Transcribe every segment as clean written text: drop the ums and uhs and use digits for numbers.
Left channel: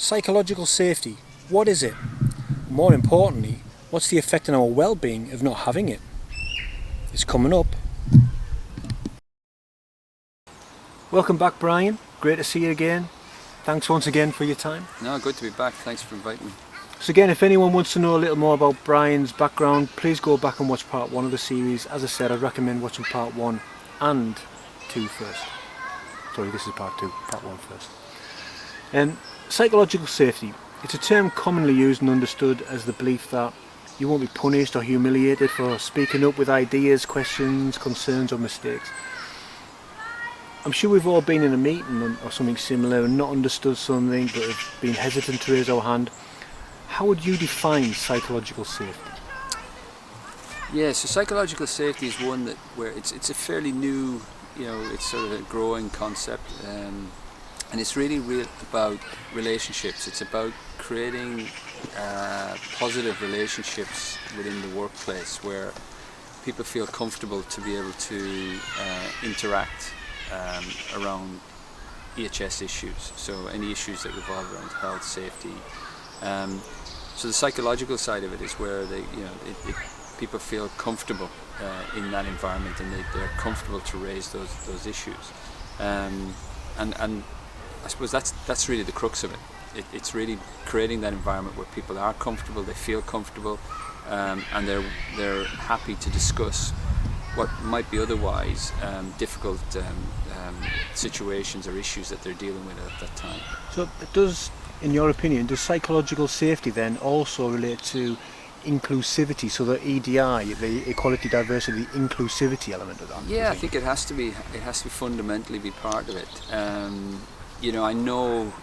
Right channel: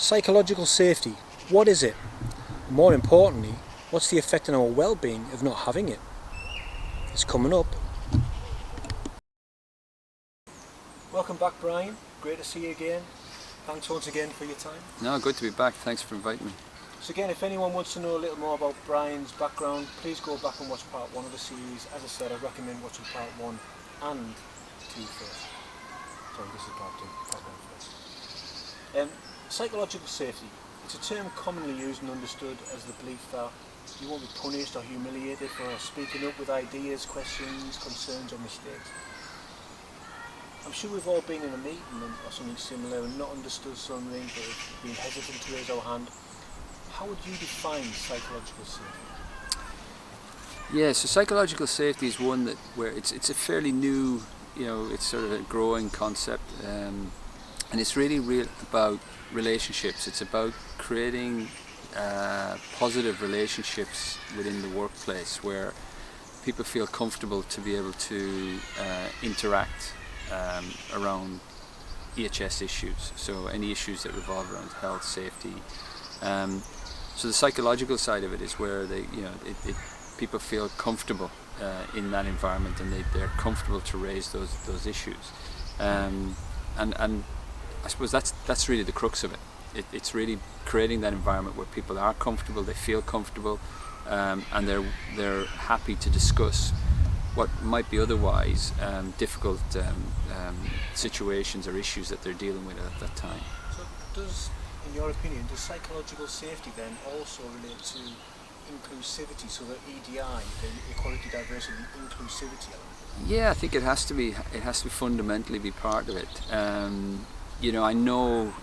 Psychological safety, what is it? More importantly, what's the effect on our well-being of not having it? It's coming up. Welcome back, Brian. Great to see you again. Thanks once again for your time. No, good to be back. Thanks for inviting me. So again, if anyone wants to know a little more about Brian's background, please go back and watch part 1 of the series. As I said, I'd recommend watching part 1 and 2 first. Sorry, this is part 2, part 1 first. Psychological safety. It's a term commonly used and understood as the belief that you won't be punished or humiliated for speaking up with ideas, questions, concerns or mistakes. I'm sure we've all been in a meeting or something similar and not understood something but have been hesitant to raise our hand. How would you define psychological safety? Yeah, so psychological safety is one where it's a fairly new, it's sort of a growing concept, and it's really about relationships. It's about creating positive relationships within the workplace where people feel comfortable to be able to interact around EHS issues. So any issues that revolve around health, safety. So the psychological side of it is where people feel comfortable in that environment, and they're comfortable to raise those issues. And I suppose that's really the crux of it. It's really creating that environment where people are comfortable, they feel comfortable, and they're happy to discuss what might be otherwise difficult situations or issues that they're dealing with at that time. So in your opinion, does psychological safety then also relate to inclusivity, so the EDI, the equality, diversity, inclusivity element of that? Yeah, I think it has to be fundamentally be part of it. I know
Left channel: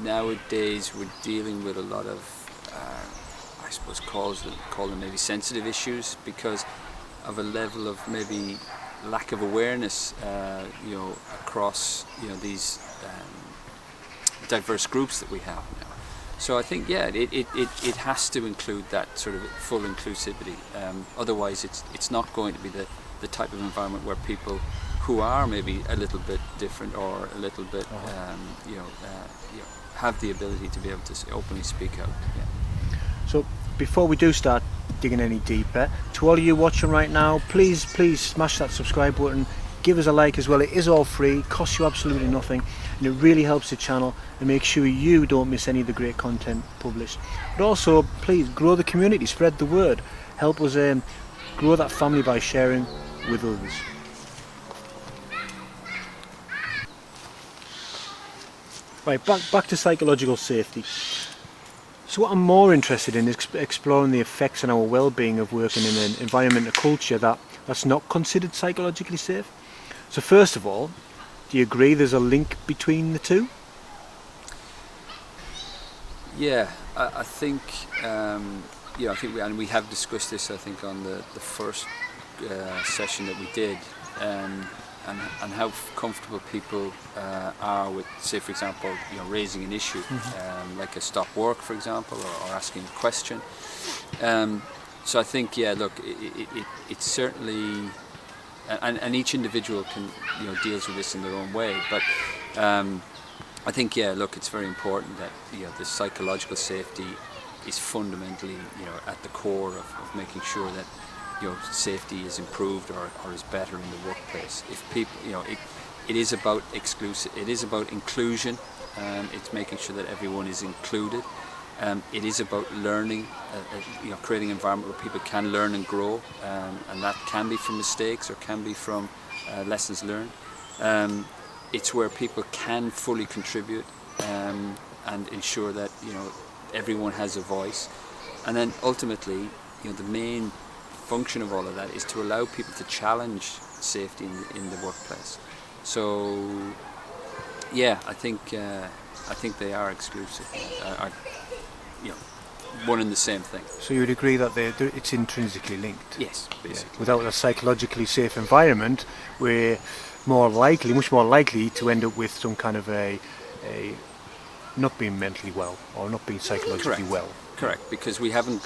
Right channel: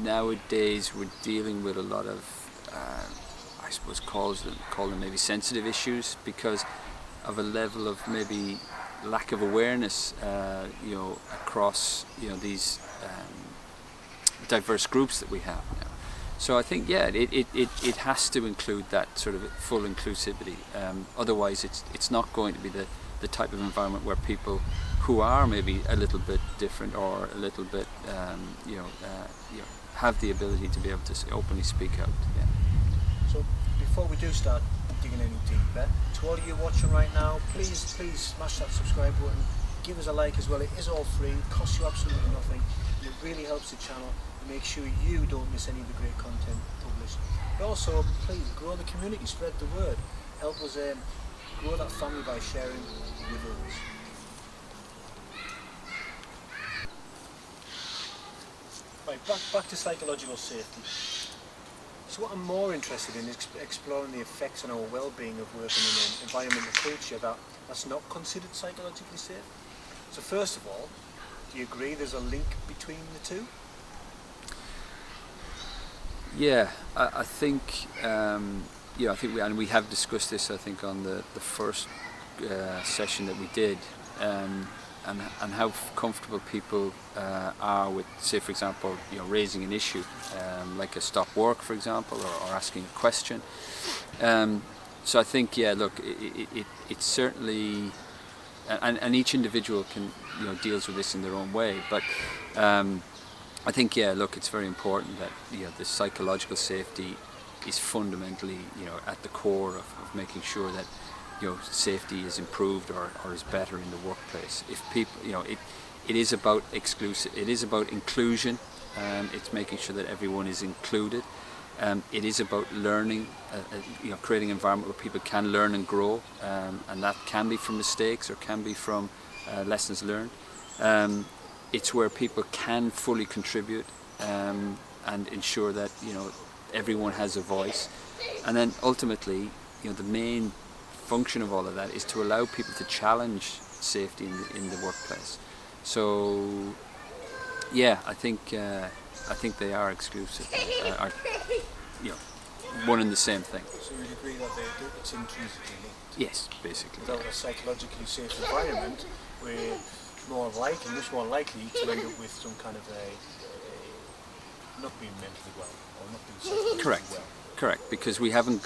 nowadays we're dealing with a lot of, I suppose, call them maybe sensitive issues because of a level of maybe lack of awareness, across, these diverse groups that we have now. So I think, it has to include that sort of full inclusivity. Otherwise, it's not going to be the type of environment where people who are maybe a little bit different or a little bit, have the ability to be able to openly speak out. Yeah. So before we do start digging any deeper, to all of you watching right now, please smash that subscribe button, give us a like as well. It is all free, costs you absolutely nothing, and it really helps the channel and make sure you don't miss any of the great content published. But also, please grow the community, spread the word, help us grow that family by sharing with others. Right, back to psychological safety. So what I'm more interested in is exploring the effects on our well-being of working in an environment, a culture that's not considered psychologically safe. So first of all, do you agree there's a link between the two? Yeah, I think, we have discussed this, I think, on the first session that we did, and how comfortable people are with, say, for example, raising an issue, like a stop work, for example, or asking a question. So I think, it's certainly, and each individual can, deals with this in their own way. But I think, it's very important that the psychological safety is fundamentally, at the core of making sure that safety is improved or is better in the workplace. If people, it is about inclusion. It's making sure that everyone is included. It is about learning, creating an environment where people can learn and grow, and that can be from mistakes or can be from lessons learned. It's where people can fully contribute and ensure that everyone has a voice. And then ultimately, the main function of all of that is to allow people to challenge safety in the workplace. So, I think they are exclusive, are one and the same thing. So you would agree that it's intrinsically linked? Yes, basically. Without a psychologically safe environment, we're much more likely to end up with some kind of a not being mentally well or not being psychologically well. Correct, because we haven't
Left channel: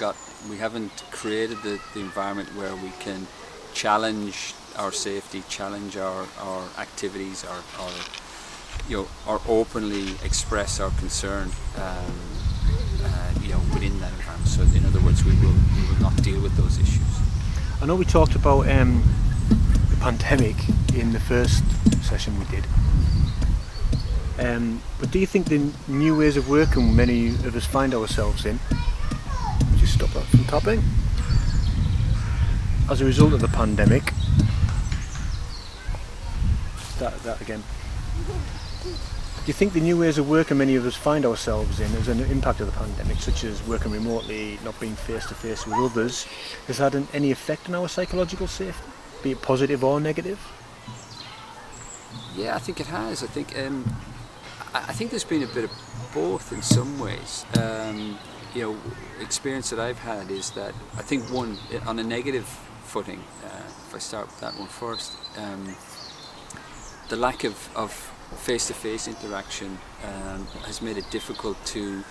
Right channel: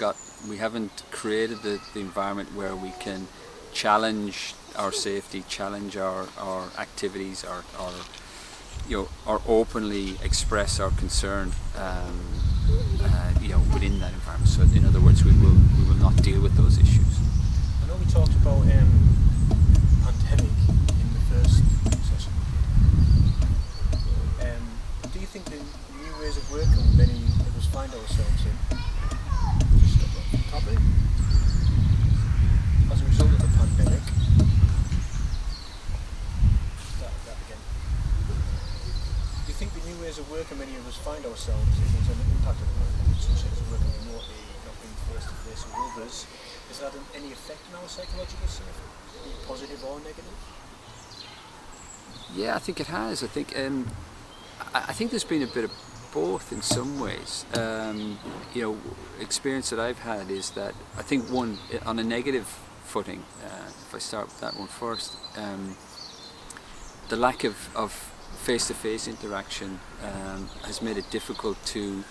created the environment where we can challenge our safety, challenge our activities, our or openly express our concern, within that environment. So in other words, we will not deal with those issues. I know we talked about the pandemic in the first session we did. But do you think the new ways of working many of us find ourselves in, just stop that from tapping, as a result of the pandemic, start that again. Do you think the new ways of working many of us find ourselves in as an impact of the pandemic, such as working remotely, not being face to face with others, has had any effect on our psychological safety, be it positive or negative? Yeah, I think it has. I think there's been a bit of both in some ways. Experience that I've had is that I think one, on a negative footing, if I start with that one first, the lack of face-to-face interaction has made it difficult to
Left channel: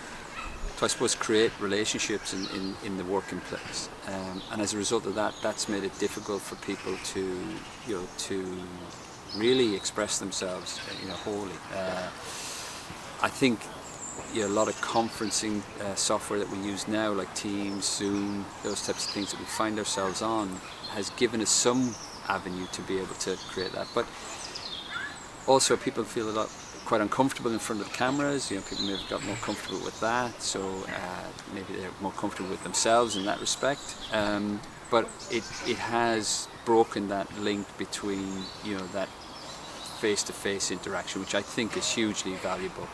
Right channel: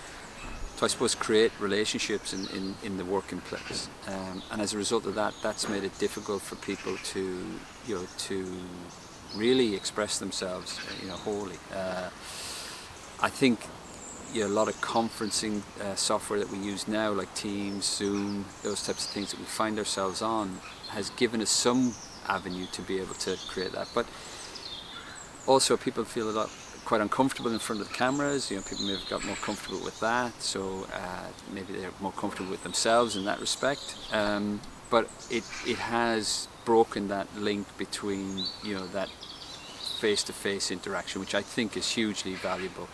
I suppose create relationships in the working place, and as a result of that, that's made it difficult for people to really express themselves wholly. I think a lot of conferencing software that we use now, like Teams, Zoom, those types of things that we find ourselves on, has given us some avenue to be able to create that. But also people feel quite uncomfortable in front of the cameras. People may have got more comfortable with that, so maybe they're more comfortable with themselves in that respect. But it has broken that link between that face-to-face interaction, which I think is hugely valuable.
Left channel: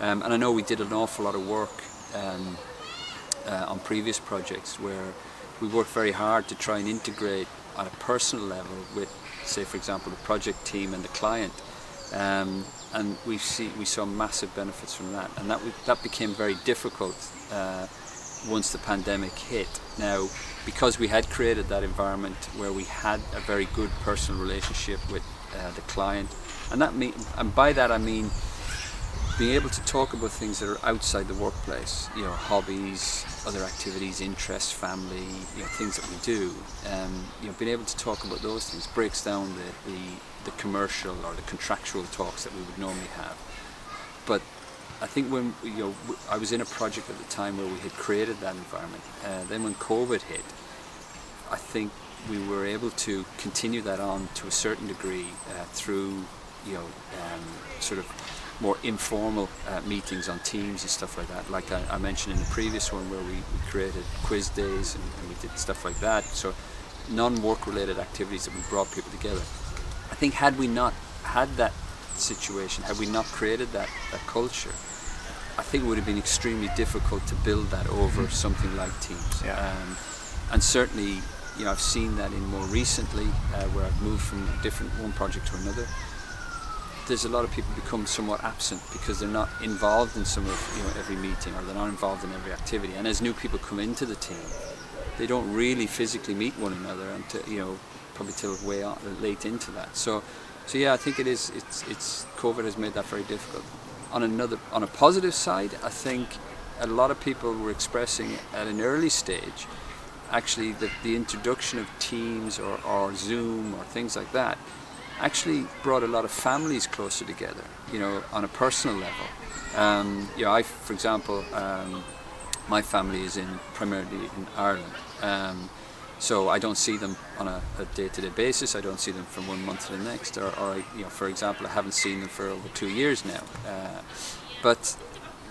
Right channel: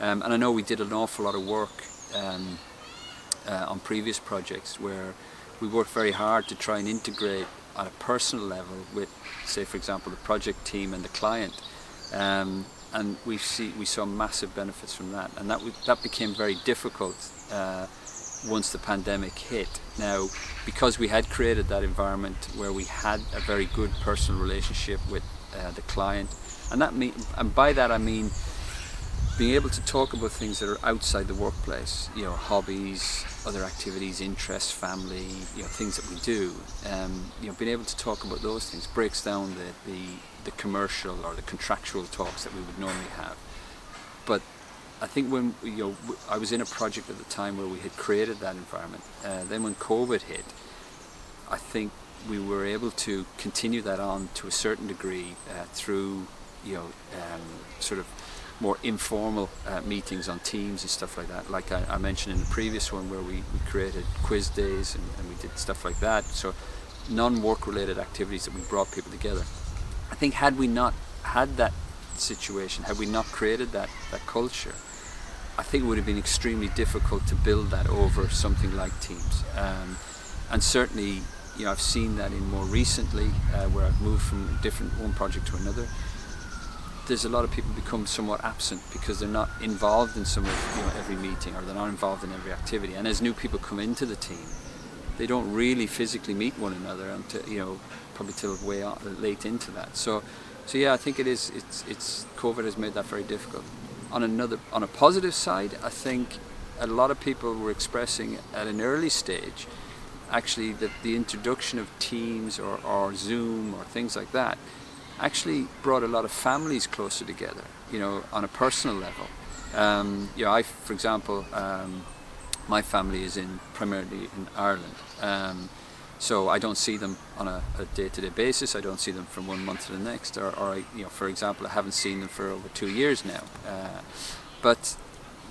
And I know we did an awful lot of work on previous projects where we worked very hard to try and integrate on a personal level with, say, for example, the project team and the client. And we saw massive benefits from that, and that became very difficult once the pandemic hit. Now, because we had created that environment where we had a very good personal relationship with the client, and by that I mean being able to talk about things that are outside the workplace, hobbies, other activities, interests, family, things that we do. Being able to talk about those things breaks down the commercial or the contractual talks that we would normally have. But I think when I was in a project at the time where we had created that environment. Then when COVID hit, I think we were able to continue that on to a certain degree through sort of more informal meetings on Teams and stuff like that. Like I mentioned in the previous one, where we created quiz days and we did stuff like that. So non-work related activities that we brought people together. I think had we not had that situation, had we not created that culture, I think it would have been extremely difficult to build that over something like Teams. Yeah. And certainly, I've seen that in more recently, where I've moved from one project to another. There's a lot of people become somewhat absent because they're not involved in some of every meeting, or they're not involved in every activity. And as new people come into the team, they don't really physically meet one another until probably till way late into that. So yeah, I think it's COVID has made that very difficult. On a positive side, I think a lot of people were expressing at an early stage actually that the introduction of Teams or Zoom or things like that actually brought a lot of families closer together, on a personal level. I, for example, my family is primarily in Ireland, so I don't see them on a day-to-day basis. I don't see them from one month to the next, or for example, I haven't seen them for over 2 years now. But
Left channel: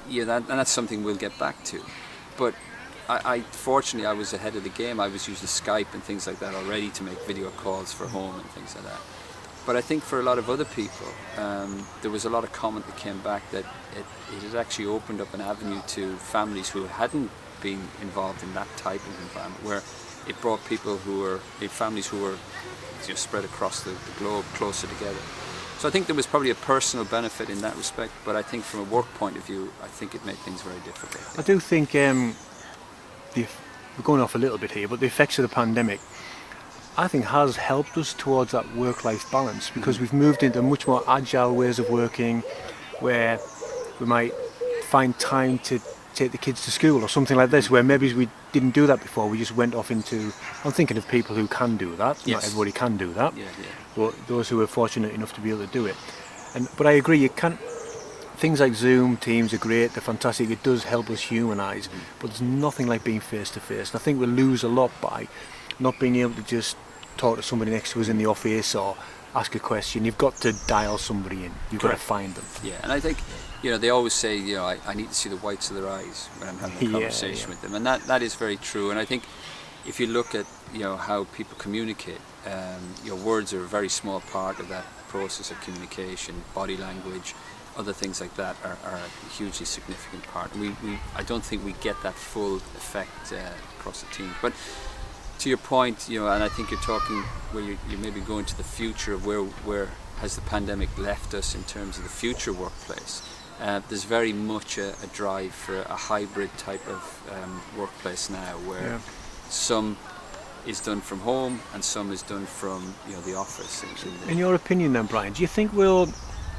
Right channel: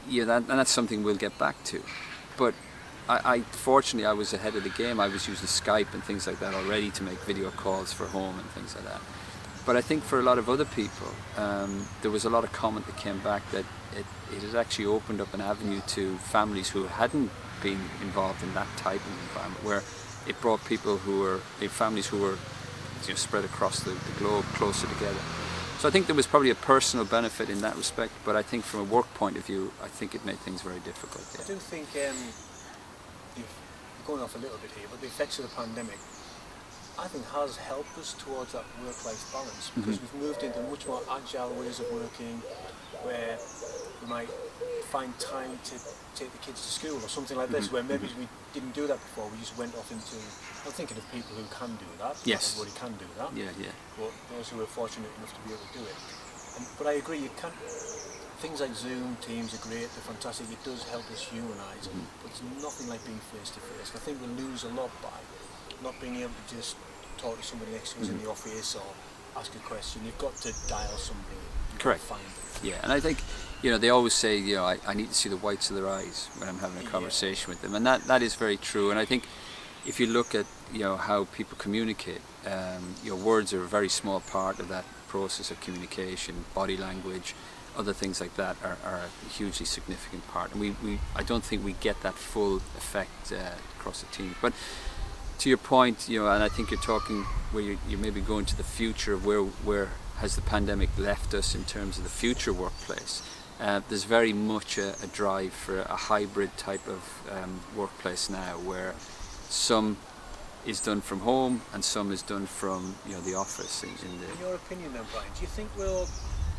that's something we'll get back to. But fortunately, I was ahead of the game. I was using Skype and things like that already to make video calls for home and things like that. But I think for a lot of other people, there was a lot of comment that came back that it has actually opened up an avenue to families who hadn't been involved in that type of environment, where it brought families who were spread across the globe closer together. So I think there was probably a personal benefit in that respect, but I think from a work point of view, I think it made things very difficult. Yeah. I do think, we're going off a little bit here, but the effects of the pandemic, I think, has helped us towards that work-life balance, because we've moved into much more agile ways of working, where we might find time to take the kids to school or something like this, where maybe we didn't do that before. We just went off into, I'm thinking of people who can do that. Yes. Not everybody can do that. Yeah. But those who are fortunate enough to be able to do it. But I agree, you can't. Things like Zoom, Teams are great, they're fantastic, it does help us humanise, but there's nothing like being face to face. And I think we lose a lot by not being able to just talk to somebody next to us in the office or ask a question. You've got to dial somebody in, you've got to find them. Yeah, and I think, they always say, I need to see the whites of their eyes when I'm having a conversation with them, and that is very true. And I think if you look at, how people communicate, words are a very small part of that process of communication. Body language, other things like that are a hugely significant part, and I don't think we get that full effect across the team. But to your point, and I think you're talking where you maybe going to the future of where has the pandemic left us in terms of the future workplace. There's very much a drive for a hybrid type of workplace now, where some is done from home and some is done from the office. In your opinion then, Brian, do you think we'll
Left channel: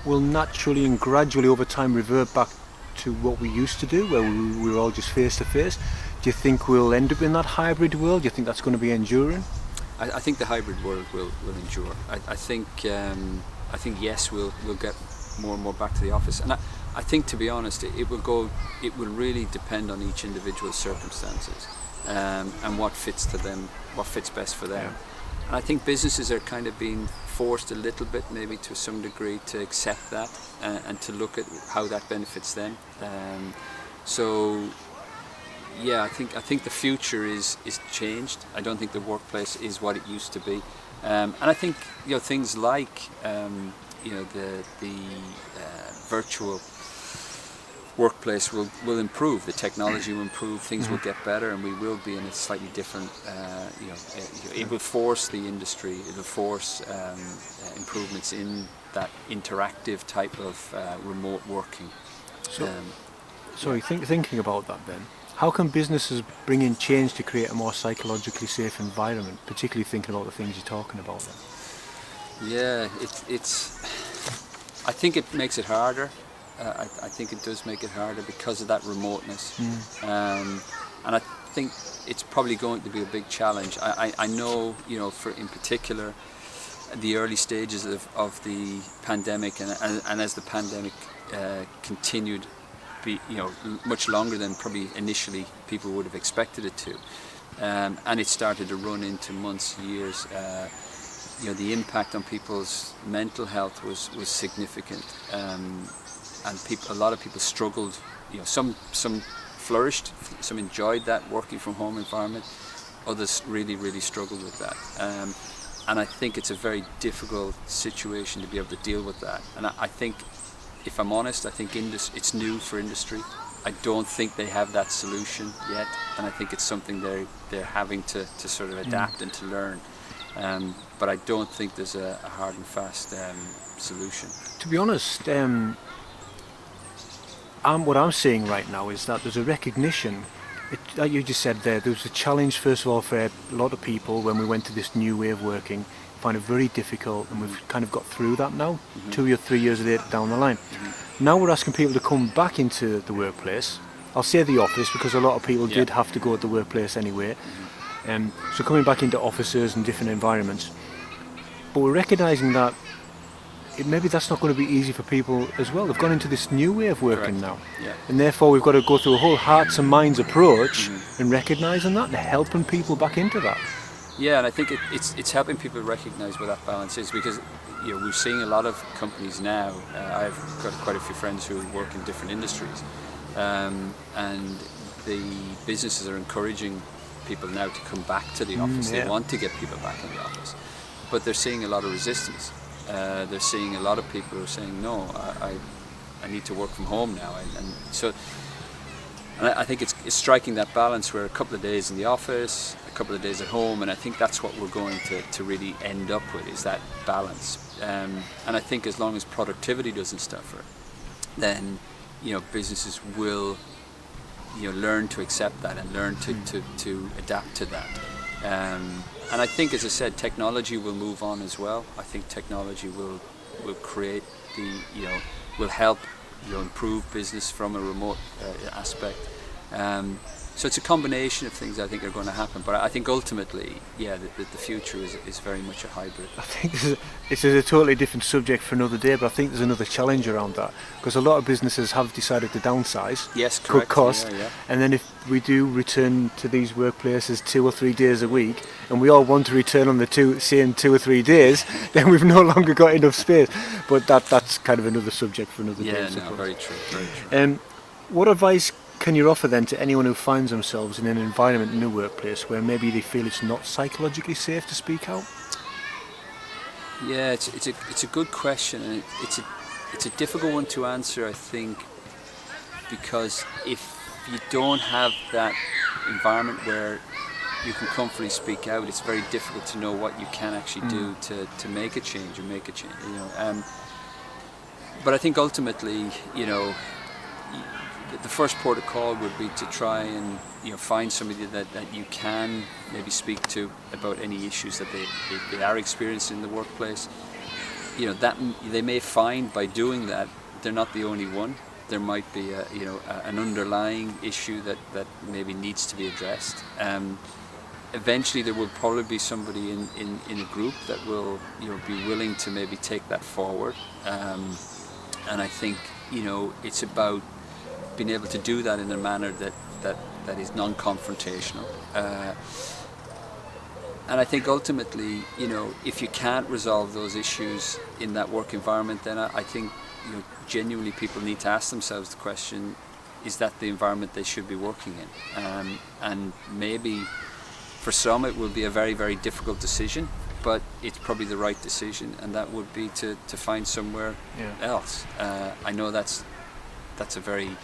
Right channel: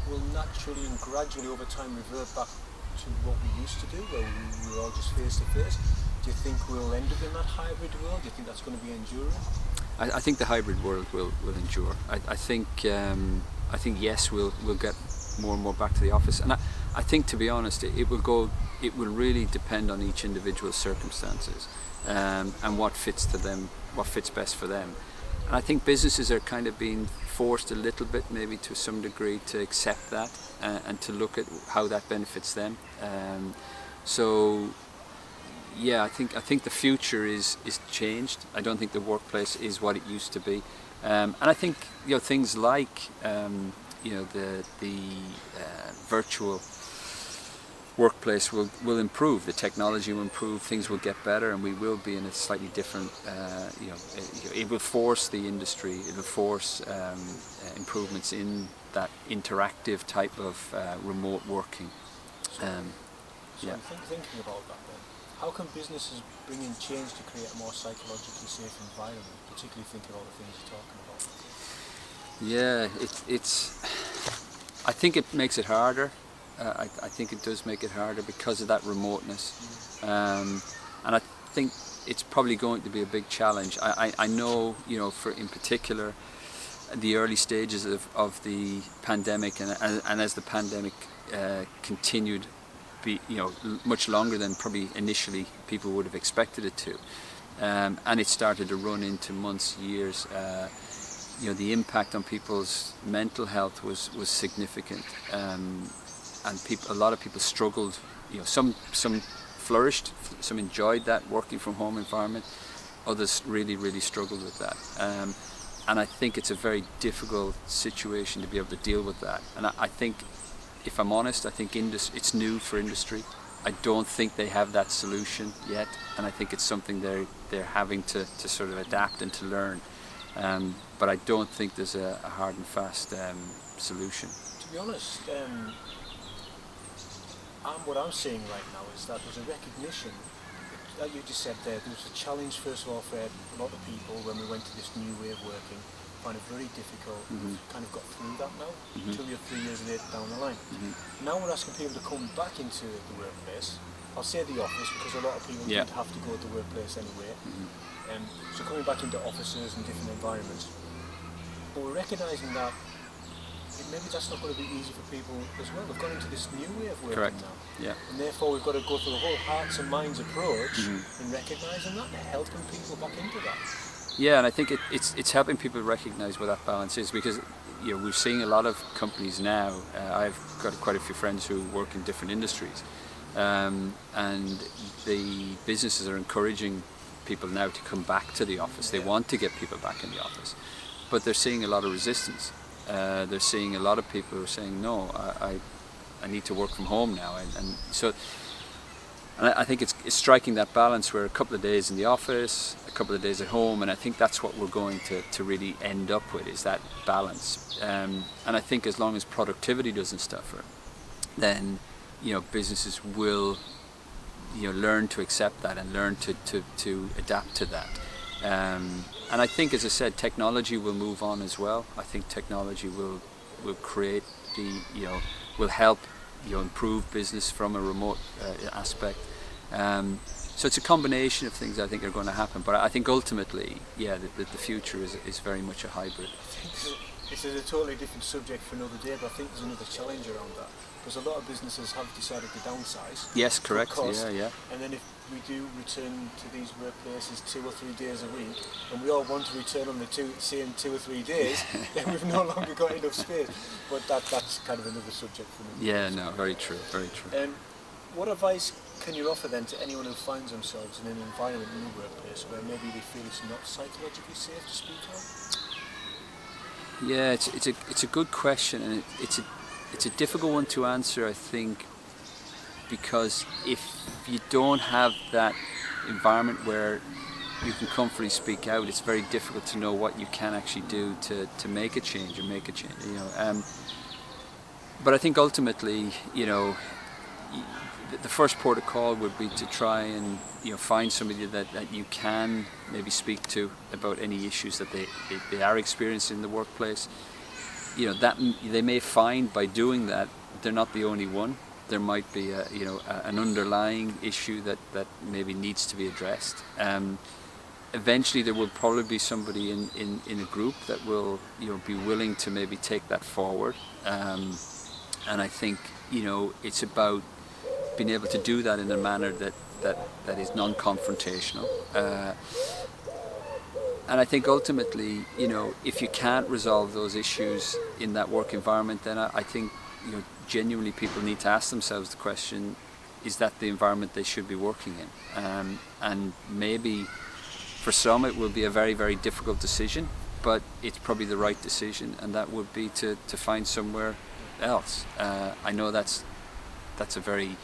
naturally and gradually over time revert back to what we used to do, where we were all just face to face? Do you think we'll end up in that hybrid world? Do you think that's going to be enduring? I think the hybrid world will endure. I think yes, we'll get more and more back to the office, and I think, to be honest, it will really depend on each individual's circumstances and what fits to them, what fits best for them. And I think businesses are kind of being forced a little bit, maybe to some degree, to accept that and to look at how that benefits them. I think the future is changed. I don't think the workplace is what it used to be, and I think things like the virtual workplace will improve. The technology will improve. Things will get better, and we will be in a slightly different. It will force the industry. It will force improvements in that interactive type of remote working. Thinking about that then, how can businesses bring in change to create a more psychologically safe environment, particularly thinking about the things you're talking about? Yeah, I think it makes it harder. I think it does make it harder because of that remoteness. And I think it's probably going to be a big challenge. I know, for in particular, the early stages of the pandemic and as the pandemic continued, much longer than probably initially people would have expected it to, and it started to run into months, years. The impact on people's mental health was significant, and a lot of people struggled. Some flourished, some enjoyed that working from home environment. Others really struggled with that, and I think it's a very difficult situation to be able to deal with that. And I think, if I'm honest, I think it's new for industry. I don't think they have that solution yet, and I think it's something they're having to sort of adapt and to learn. But I don't think there's a hard and fast solution. To be honest, what I'm seeing right now is that there's a recognition. Like you just said there was a challenge, first of all, for a lot of people when we went to this new way of working. Find it very difficult, and we've kind of got through that now, 2 or 3 years later down the line. Now we're asking people to come back into the workplace. I'll say the office because a lot of people did have to go to the workplace anyway. So coming back into offices and different environments. But we're recognising that maybe that's not going to be easy for people as well. They've gone into this new way of working now. Yeah. And therefore we've got to go through a whole hearts and minds approach in recognising that and helping people back into that. Yeah, and I think it's helping people recognise where that balance is, because we're seeing a lot of companies now. I've got quite a few friends who work in different industries, and the businesses are encouraging people now to come back to the office. They want to get people back in the office, but they're seeing a lot of resistance. They're seeing a lot of people who are saying, no, I need to work from home now, and I think it's striking that balance where a couple of days in the office, a couple of days at home, and I think that's what we're going to really end up with, is that balance. And I think as long as productivity doesn't suffer, then businesses will learn to accept that and learn to adapt to that. And I think, as I said, technology will move on as well. I think technology will create will help improve business from a remote aspect. So it's a combination of things I think are going to happen, but I think ultimately, yeah, the future is very much a hybrid. I think this is a totally different subject for another day, but I think there's another challenge around that, because a lot of businesses have decided to downsize, Yes, cut correct. cost, Yeah. and then if we do return to these workplaces 2 or 3 days a week, and we all want to return on the same 2 or 3 days, then we've no longer got enough space. But that's kind of another subject for another day. Yeah, no, very true, very true. What advice can you offer then to anyone who finds themselves in an environment in a workplace where maybe they feel it's not psychologically safe to speak out? Yeah, it's a good question, and it's a difficult one to answer, I think, because if you don't have that environment where you can comfortably speak out, it's very difficult to know what you can actually do to make a change or make a change. But I think ultimately, the first port of call would be to try and find somebody that you can maybe speak to about any issues that they are experiencing in the workplace. That they may find by doing that they're not the only one. There might be an underlying issue that maybe needs to be addressed. Eventually there will probably be somebody in a group that will be willing to maybe take that forward. And I think it's about being able to do that in a manner that is non-confrontational. And I think ultimately, if you can't resolve those issues in that work environment, then I think genuinely people need to ask themselves the question: is that the environment they should be working in? And maybe for some it will be a very, very difficult decision, but it's probably the right decision, and that would be to find somewhere else. I know that's a very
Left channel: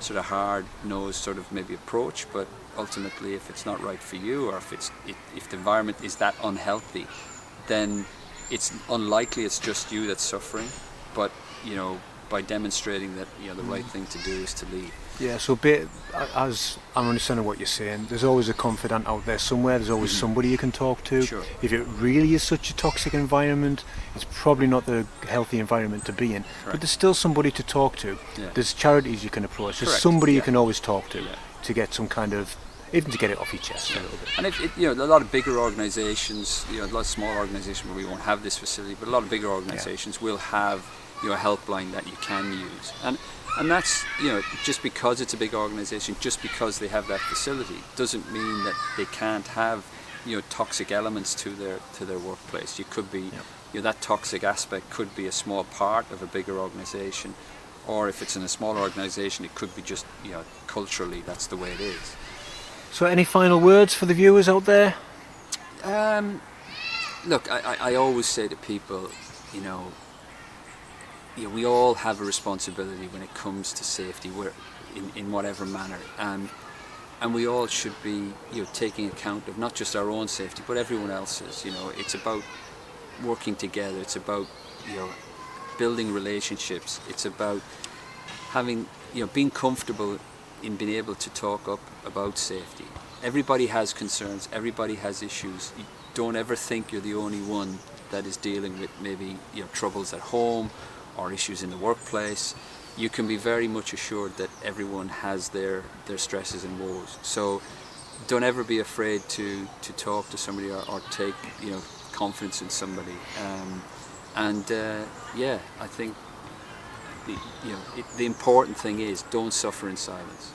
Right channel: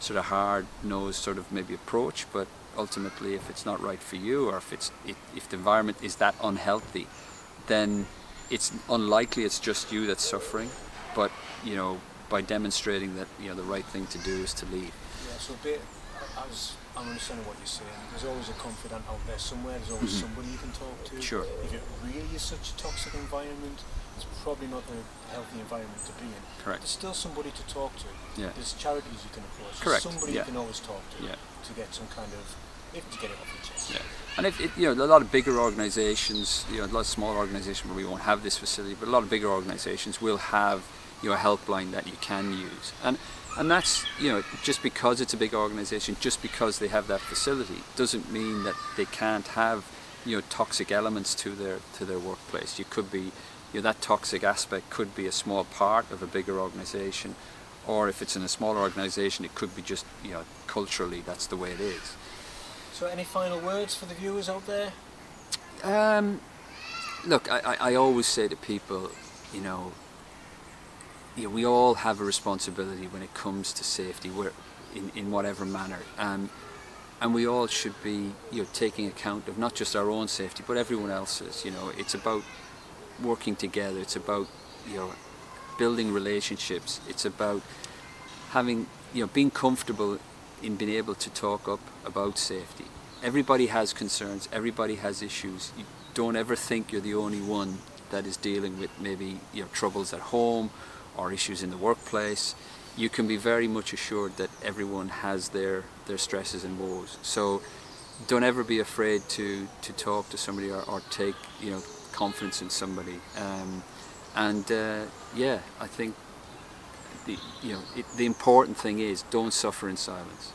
sort of hard-nosed sort of maybe approach, but ultimately if it's not right for you, or if the environment is that unhealthy, then it's unlikely it's just you that's suffering, but by demonstrating that the right thing to do is to leave. Yeah, so as I'm understanding what you're saying, there's always a confidant out there somewhere, there's always somebody you can talk to. Sure. If it really is such a toxic environment, it's probably not the healthy environment to be in. Correct. But there's still somebody to talk to. Yeah. There's charities you can approach. There's Correct. somebody you Yeah. can always talk to Yeah. to get some kind of, even to get it off your chest. Yeah. And a lot of bigger organisations, a lot of small organisations where we won't have this facility, but a lot of bigger organisations will have a helpline that you can use. And that's, just because it's a big organisation, just because they have that facility, doesn't mean that they can't have, toxic elements to their workplace. You could be, that toxic aspect could be a small part of a bigger organisation, or if it's in a smaller organisation, it could be just, culturally, that's the way it is. So any final words for the viewers out there? Look, I always say to people, we all have a responsibility when it comes to safety, in whatever manner, and we all should be taking account of not just our own safety but everyone else's. It's about working together, it's about building relationships, it's about having being comfortable in being able to talk up about safety. Everybody has concerns, everybody has issues. You don't ever think you're the only one that is dealing with maybe troubles at home or issues in the workplace. You can be very much assured that everyone has their stresses and woes. So don't ever be afraid to talk to somebody or take confidence in somebody. I think the important thing is don't suffer in silence.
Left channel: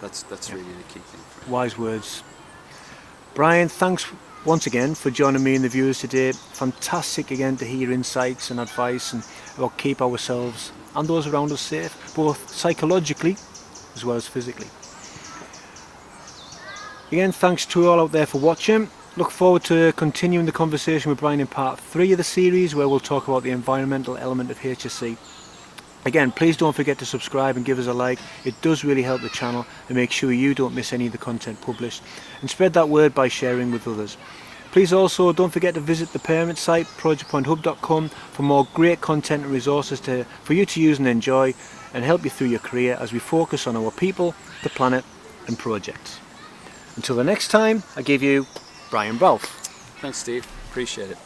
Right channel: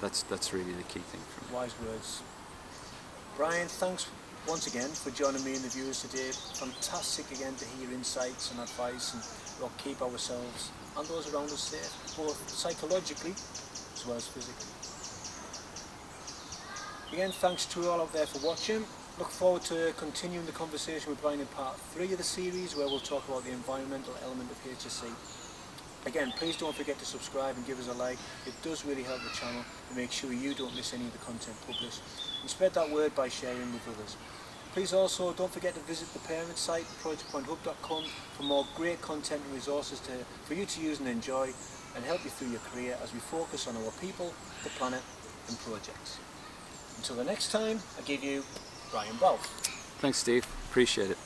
That's really the key thing for me. Wise words. Brian, thanks once again for joining me and the viewers today. Fantastic again to hear your insights and advice and about keep ourselves and those around us safe, both psychologically as well as physically. Again, thanks to all out there for watching. Look forward to continuing the conversation with Brian in part 3 of the series, where we'll talk about the environmental element of HSE. Again, please don't forget to subscribe and give us a like. It does really help the channel and make sure you don't miss any of the content published, and spread that word by sharing with others. Please also don't forget to visit the parent site projectpointhub.com for more great content and resources for you to use and enjoy, and help you through your career as we focus on our people, the planet and projects. Until the next time, I give you Brian Balfe. Thanks, Steve. Appreciate it.